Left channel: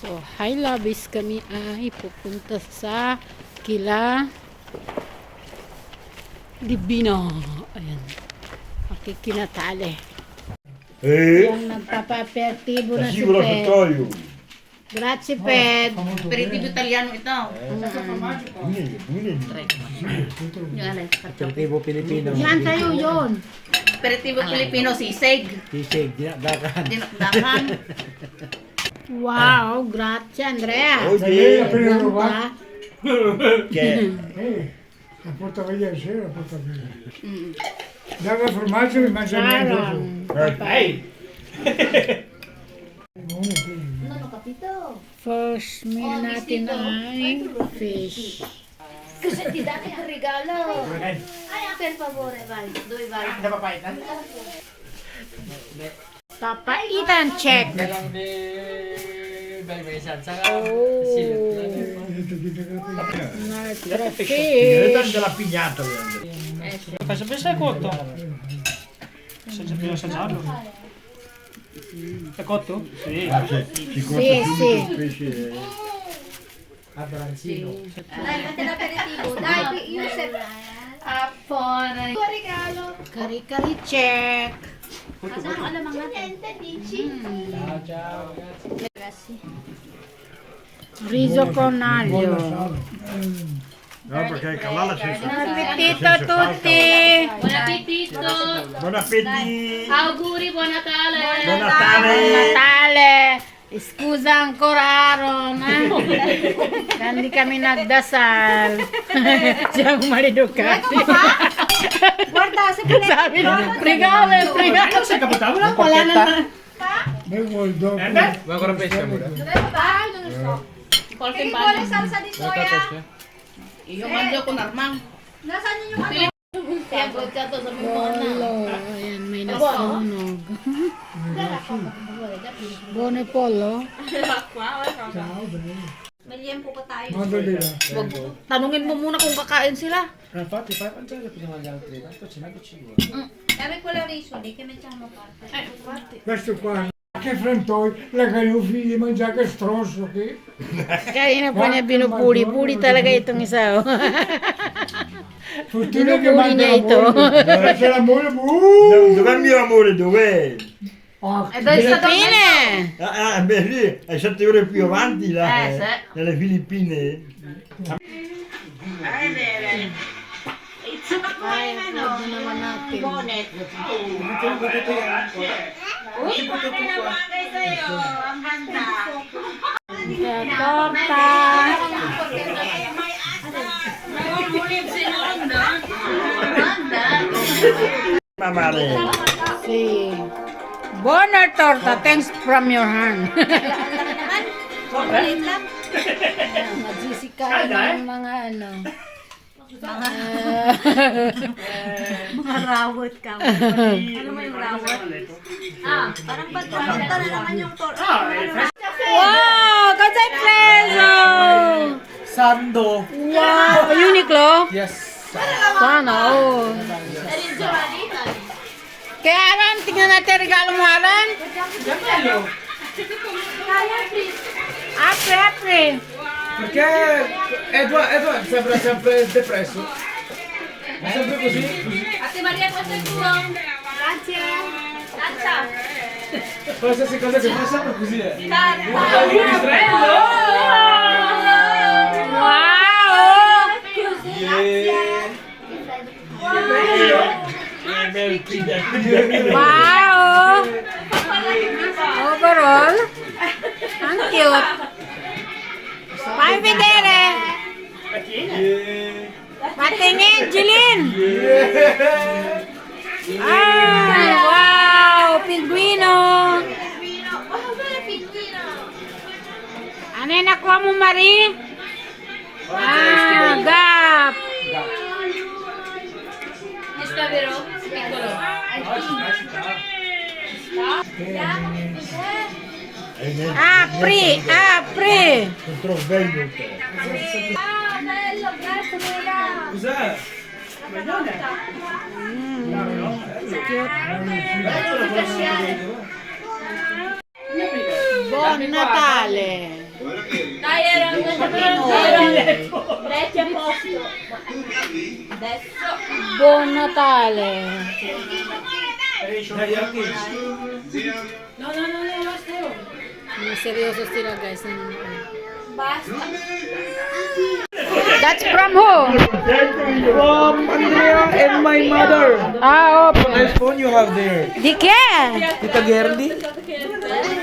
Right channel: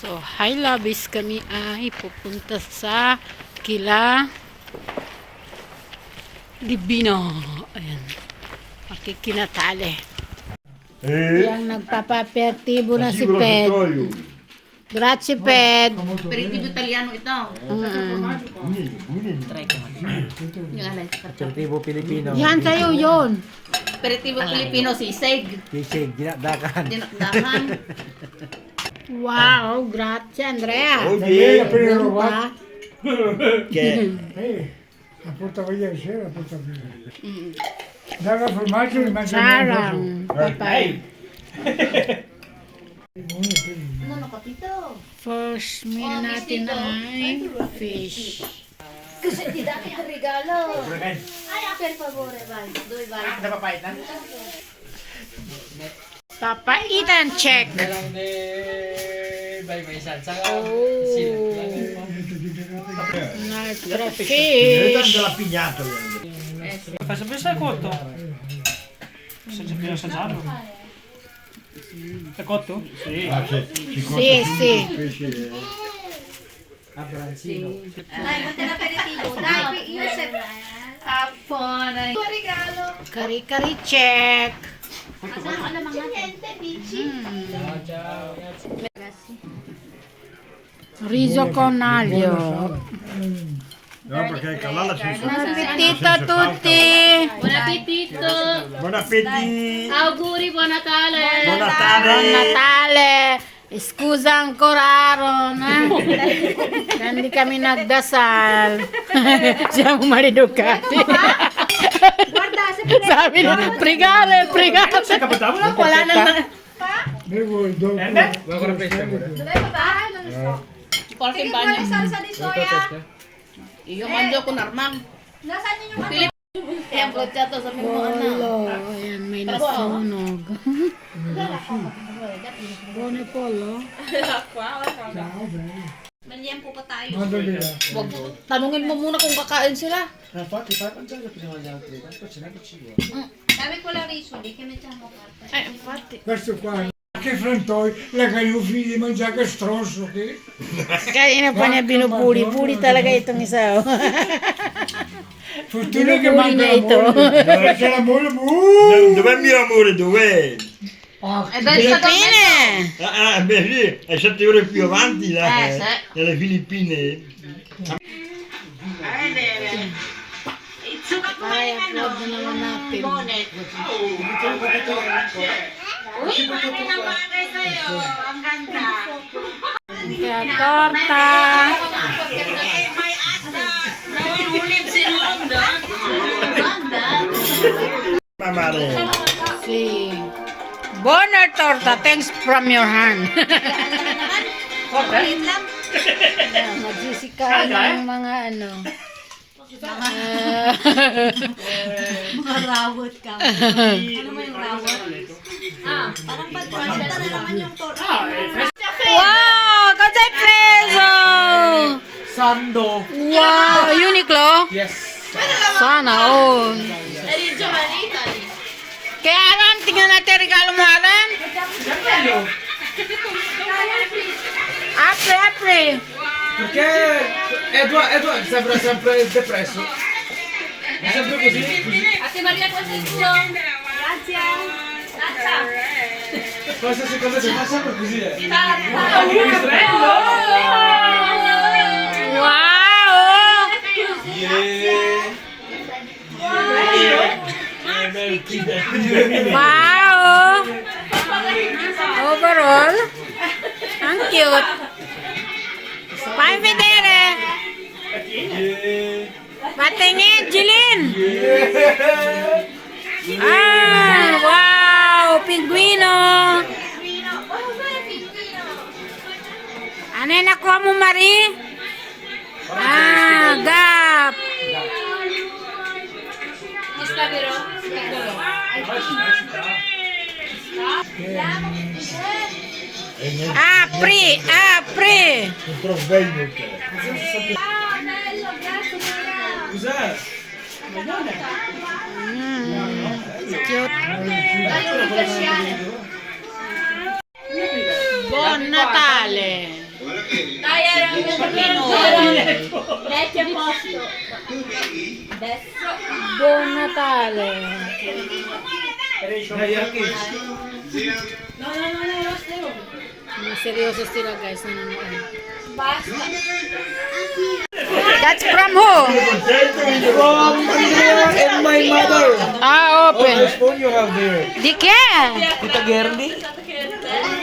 So, hi loves, kami ay pupunta sa Kila Divino. Ayan. Makikinatali. Yung nagpapapertibo na si Ped. Grazie, Ped. Aperitivo italiano ito. Aperitivo Pilipino. Yan sa'yo yun. Aperitivo Pilipino, sisig. Sisig, dinakdakan. Dinakdakan. Wow, grazie Andrea. Oye, Ano pa? La porta via, sì, la porta via. Dava formaggio e mangiava Sarang. Papay. First meal natin ay fish. Kasi ti dati ang regalo. Ay, per favore, vai. Dove vai? Papaitan check. Oh. Un'altra fish. della pignata. Fai sapere se è cotto? Bisogna assaggiarlo. È cotto? Sì. Sì, sì. Dai, fate l'aperitivo. Dai, io se... Appona. Tuo regalo. Kari-kari check. Asan alam mga niente, bici. Riso con aglio. No, perché il cavallo si Buon appetito a tutti. Buon appetito. Buon appetito! Auguri, buon Natale. Buon Buon Natale! Natale. Scusa ancora Aaron. Hindi kami nagdasal. Siamo maleducati. Guarda, se Sabi niya, pregare, pregare. Wala naman. Bevo il dopo. Ancora pesce amore. Qualche Vuole bagno. salsa di soia? Iyo mando ko normal. Nasaan yung ano? Kaya bocciato sa mga Polo. Ayan, may nasunog. Bone Polo. Ganyan po ko tayo. Quando lì? Wag tanungin mo muna kung kakain sila. Infatti fai mangiare prima gli altri, tanto ce n'è che ci vuole. Sabi ko lang riso, di che mettiamo parte. Infatti. Questo qua. Che frantoi, la calufi di mangiare che stronzo che. Kaya na pa niya binupuli. Puli talaga itong isa. Oh. Fortuna che Binupuli mangia niya ito. Perché l'amore Dov'è il mio amore? Dov'è? Filippine! Beh lì, è 7 ore più avanti là, sì. nelle Filippine. Upload na naman natin. Kaya torta. Mamare. Si. Bonner torta. Thanks from your hand. Nagsisikain ng mga ano. Mga rawot ka. Ano mo yung rawot? Parang pagpapalita na naman yung torta. Wow! Katay preso! Sando. Wow! Uniqlo? Yes. Sana all. Kaya Aaron, tingnan natin regalo mo Aaron. Apri. Perché Edward sembra sempre depresso. È sempre così. Ate Maria, questo è tuo. Grazie. Qualsiasi cosa che fa sempre così è. Wow! Overall, ang cute. Pai vedere. Patingin, Jilin. Ah, wow! Pinguino. Ano yung nakuha mo, Marie? Ah, gap. Apri. Sono sveglio te. Bello, grazie Maria. Cos'è? Cute. Bello di fasciare. Buon Natale! Leche posto. Buon Natale. Seryoso sila guys. That's from who? From Andrea and my mother. Ah, open. Nice phone you have there. Di che? Tita Gerli.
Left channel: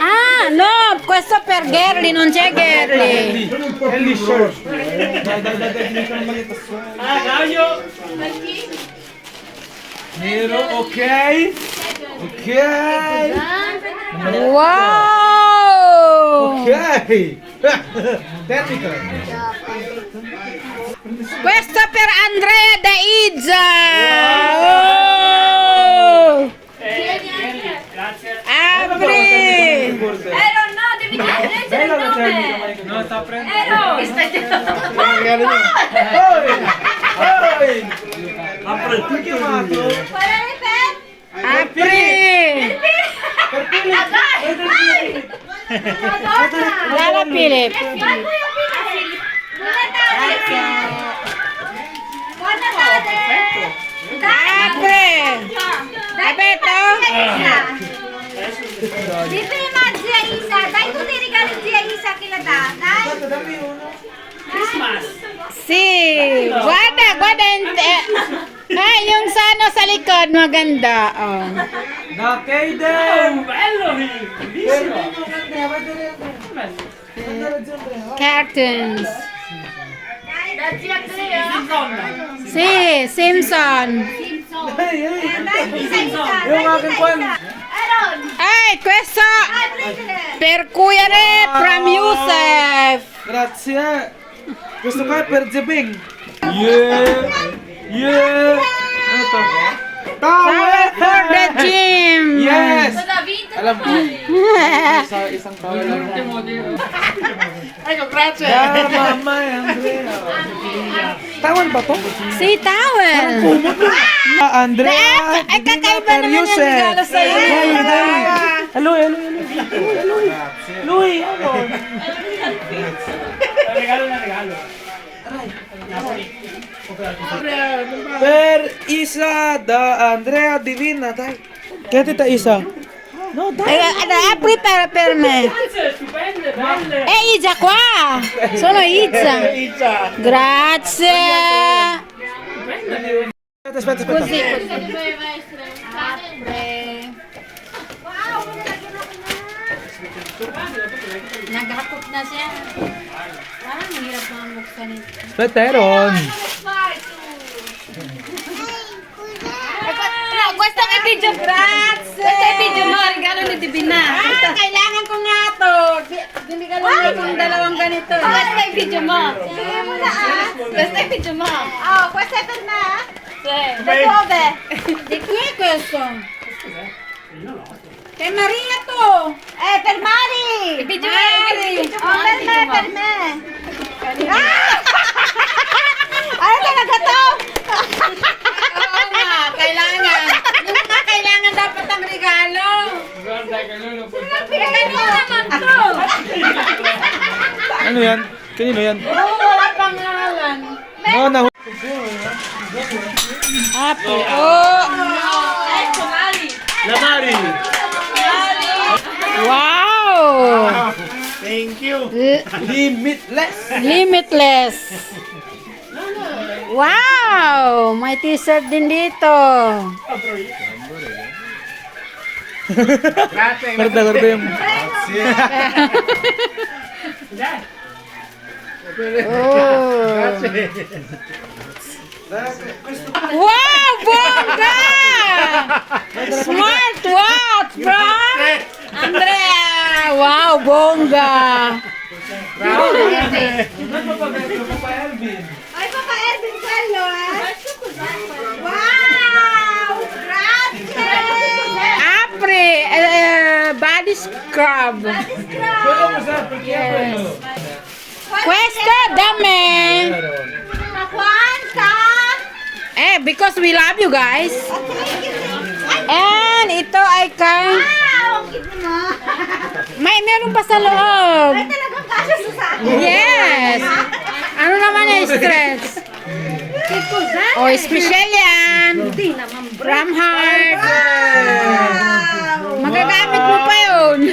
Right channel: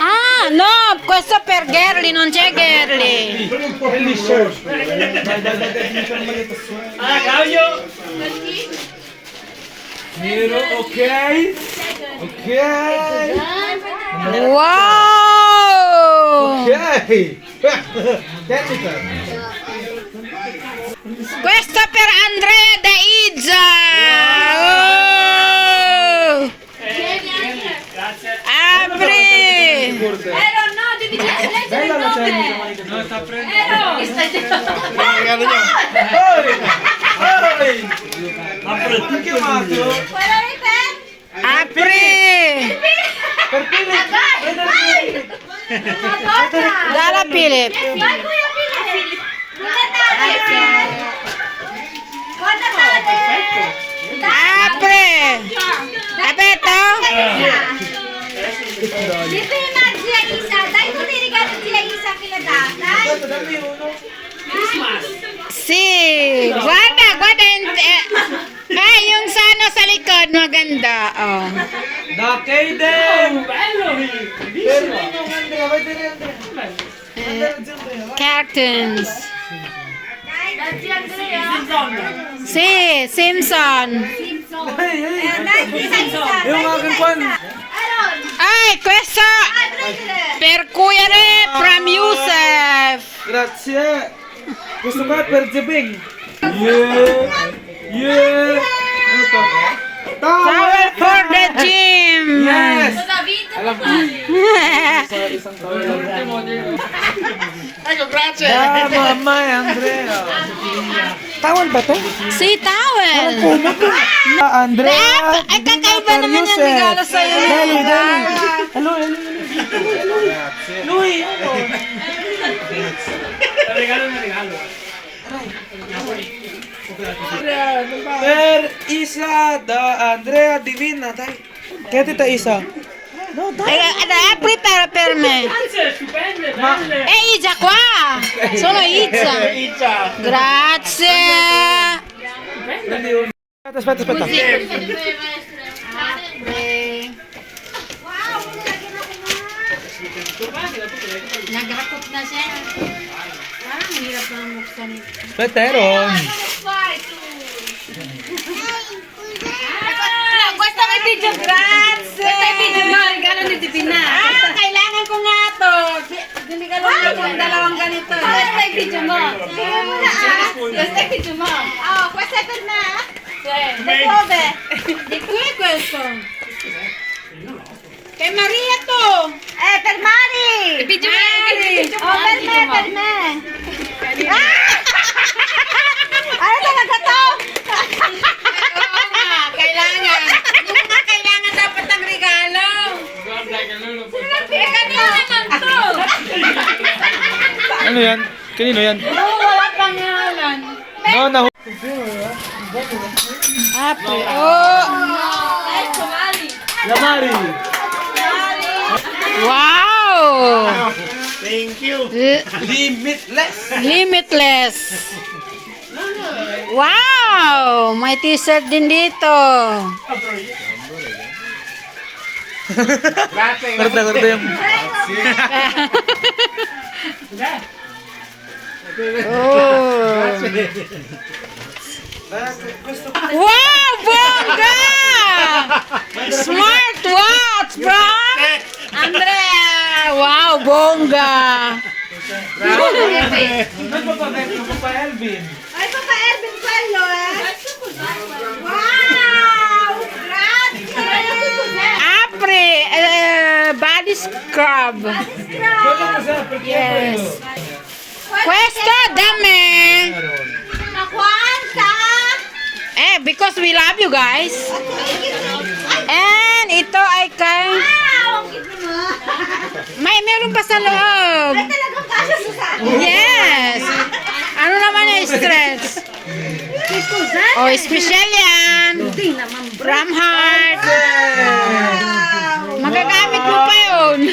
Ah, no, questo per Gerli, non c'è Gerli. Gerli shirt. Nero, okay. Okay. Wow! Okay. Technical. Questo per Andrea da Izza. Oh! Apri! No, devi leggere il nome. No, sta Perché chiamato? Apri! Dalla Philip. Apri! Abeto? Di prima zia Isa, dai ko regalo zia Isa kila tatay. Si, guarda, guarda. Ay, yung sana sa likod, maganda. Oh. Da Kaden. Cartoons. Si, Simpson. Yung aking pan. Ay, questo per Kuyere from Yusef. Grazie. Gusto ka per Jebing. Yeah. Yeah. Ano to? Towel for the gym. Yes. Alam mo. Sa isang towel lang. Yeah, Mama Andrea. Tawal ba to? Si towel. Andrea. Ay, kakaiba naman yung regalo sa'yo. Hello, hello. Louie, ano? Per Isa da Andrea Divina, dai. Kaya tita Isa. No, dai. Ada apri per me. Izza qua. Sono Izza. Grazie. Aspetta. Nagakot na siya. Parang hirap na muksan ito. Veteron. Gusto ka video, grazie! Gusto ka video mo, regalo ni Divina. Kailangan ko nga to. Hindi ka lang kung dalawang ganito. Gusto ka video mo. Gusto ka video mo. Oh, questa è per me? Sì. Da dove? Di qui è questo? Kay Maria to. Per Mari! Video mo, video mo. Per me! Ano talaga to? Oo nga, kailangan. Yung nga, kailangan dapat ang regalo. Kanina naman to. Ano yan? Kanino yan? Oo, wala pangalan. No, na. Apre, oh. Lamari. Wow! Thank you. Limitless. Limitless. Wow! May t-shirt din dito. Garda yung. Oh. Wow, bongga! Smart watch, bro! Andrea! Wow, bongga! Ay, Papa Erwin Cuello, Wow! Grazie! Apre, body scrub. Yes. Questo da me. Ma quanta? Because we love you guys. Thank you. And ito ay kay Wow! Ang cute mo. Meron pa sa loob. Ay, talagang kasya sa akin. Yes. Ano naman yung stress? Oh, special yan. From heart. Magagamit mo pa yun.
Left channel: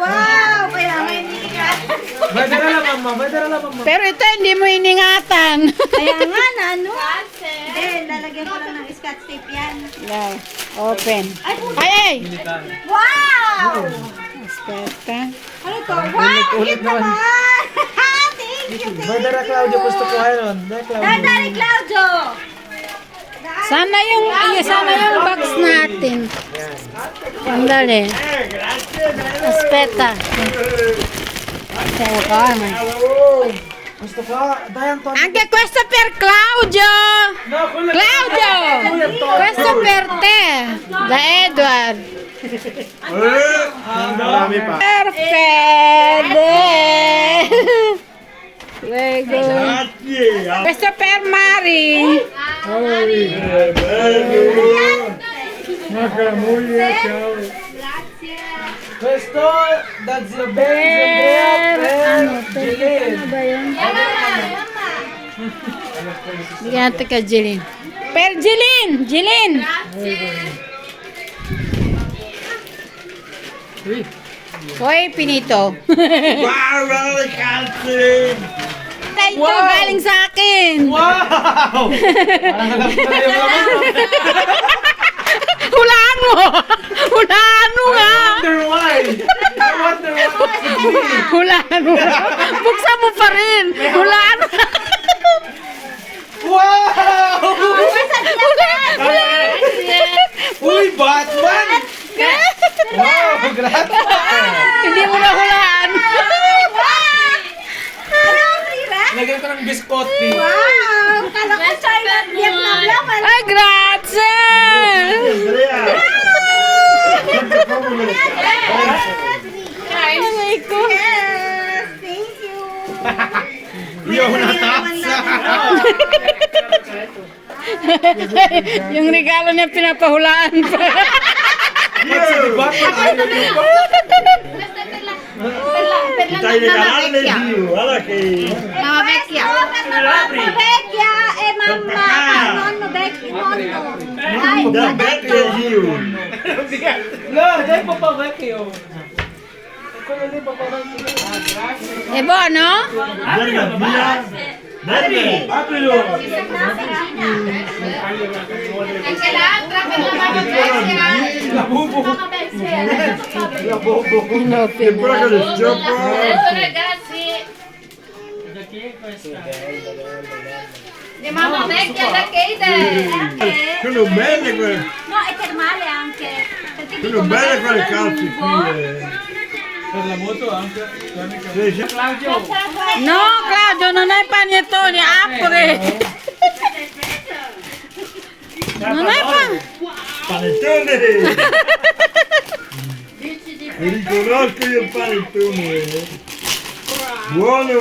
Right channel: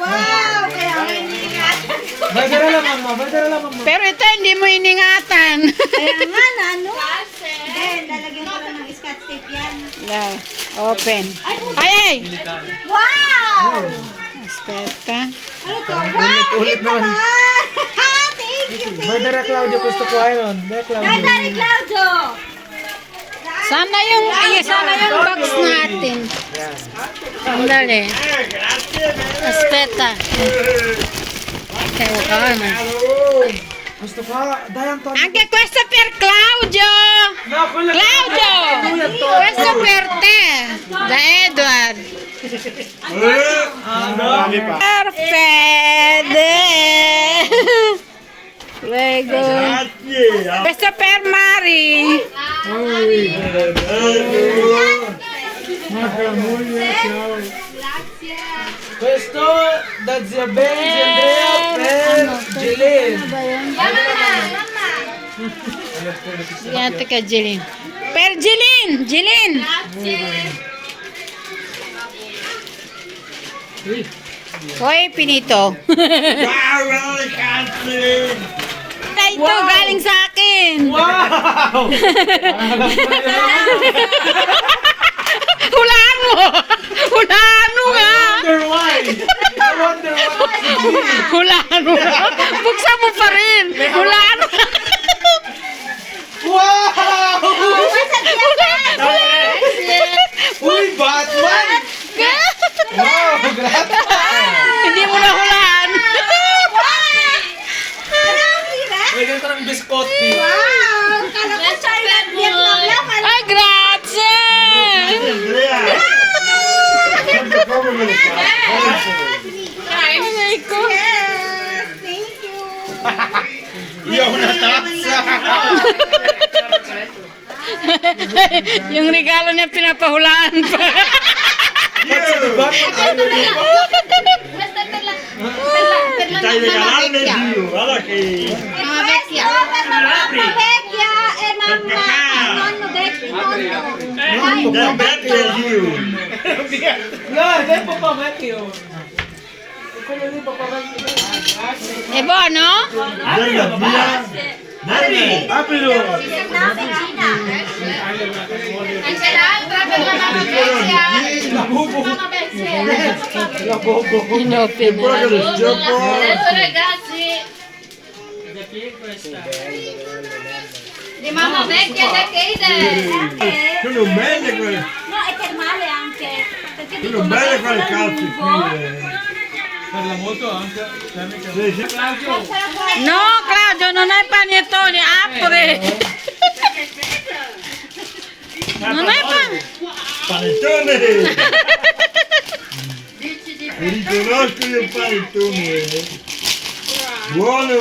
Wow! Kaya nga iniingat. Pwede na naman mo, pwede na naman mo. Pero ito hindi mo iningatan. Kaya nga na ano? Hindi, lalagyan ko lang ng scotch tape yan. No. Open. Ay! Wow! Espeta. Ano to? Wow! Cute naman! Thank you, Pwede thank na you. Claudio, gusto ko ayun. Dadari, Claudio! Sana yung box natin. Sandali. Espeta. Kaya ka naman. Gusto ko, dayan to. Anche questo per Claudio! Claudio! Questo per te! Da Edward! Perfetto! Prego! Questo per Mari! Macca moglie, ciao. Questo, da zio Ben, zio Andrea, e Jilin. Bigyan natin kay Jilin. Per Jilin! Jilin! Hoy, Pinito. Ito, galing sa akin. Wow! Hulaan mo! Hulaan mo nga! Wonder why? I wonder why. Hulaan mo! Buksan mo pa rin! Hulaan mo! Wow! Hulaan! Uy, Batman! Wow, grabe! Hindi mo na hulaan! Lagyan ko ng biscotti. Wow! Kala ko China at Vietnam lang. Ay, grazie! Aray ko! Yes! Thank you! Yung regalo niya pinapahulaan pa. Mama Vecchia! Mama Vecchia! Eh, Mama! Nonno Vecchia! Nonno! Ay, No, dai po pa vecchio. E buono? Anche l'altra per la mamma vecchia. La bobo. Inopen na. Adesso ragazzi. Di mamma vecchia da Keide. Sono belle quelle, no, è termale anche. Perché sono dico, belle magari quelle sarà calze lungo. Per la moto anche. Sì, sì. No, Claudio, non hai panettoni, apri! Non hai pane. Panettone! Riconosco io il panettone. Buono!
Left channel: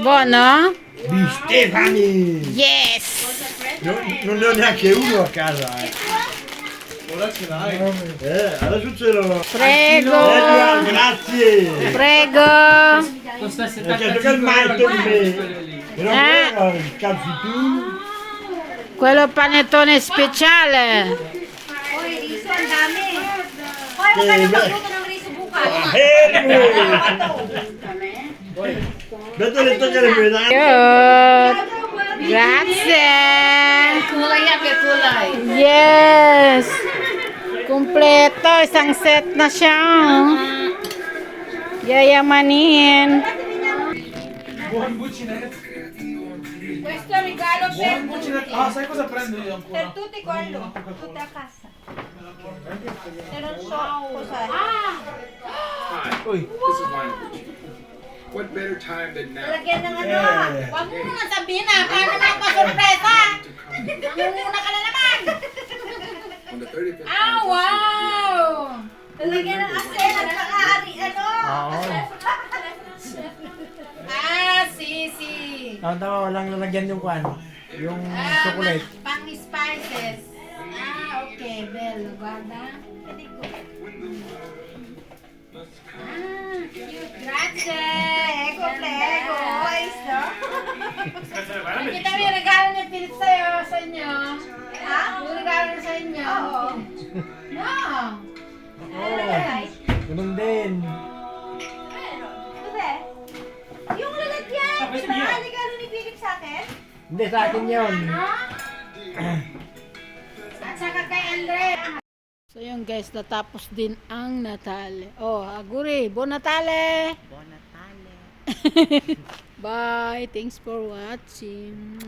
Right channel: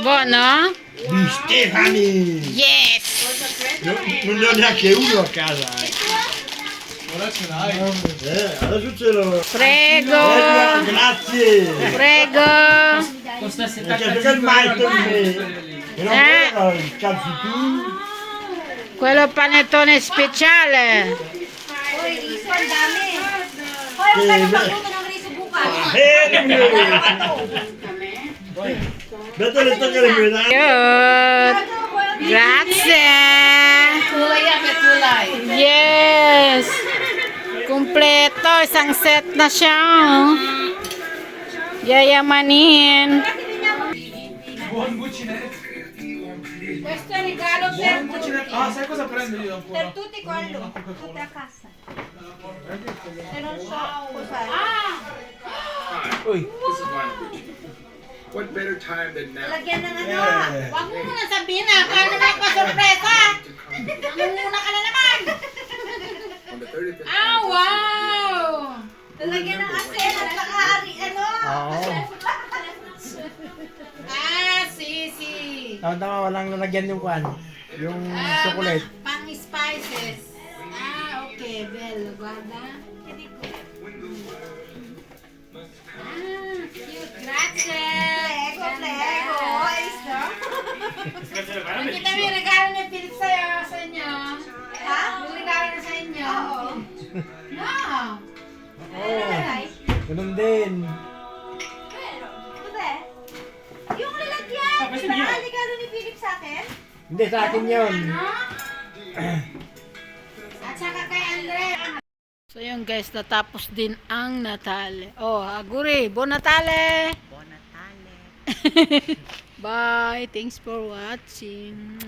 Buono? Di Stefani! Yes! Non ne ho neanche uno a casa. Adesso ce l'ho. Prego! Grazie! Prego! Perché che il marito di me. E non era il calzi tu. Quello è panettone speciale! Hoy, riso, ang dami. Hoy, huwag ka na mag-uman ng riso bukas. Beto le tocca le medaglie. Cute! Grazie! Kulay yan, may kulay. Yes! Kompleto, isang set na siya. Oh. Yayamanin. Questo è regalo per tutti. Ah, sai cosa prendo io ancora? Per tutti quello. Tutti a casa. E non so cos'è. Uy. What better time than now? Lagyan ng ano. Huwag mo muna sabihin na, kaya naman pa-sorpresa. Nangunguna ka na naman. On the 35th. Ah, wow! Lagyan ng asin at pang-ari. Ano? Ah, sisi. Tama, walang nalagyan yung kwan. Yung Ah, chocolate. pang-spices. Ah, okay, bello, guarda. Grazie. Prego. Ayos, no? Nakita mo yung regalo ni Pilit sa'yo, sa inyo? Ha? Yung regalo niya sa inyo? Oo. No. Ganun din. Ito, yung lalagyan. Regalo ni Philip sa akin. Hindi, sa akin yun. At saka kay Andre. So yun guys, natapos din ang Natale. Oh, aguri, Buon Natale! Buon Natale. Bye! Thanks for watching.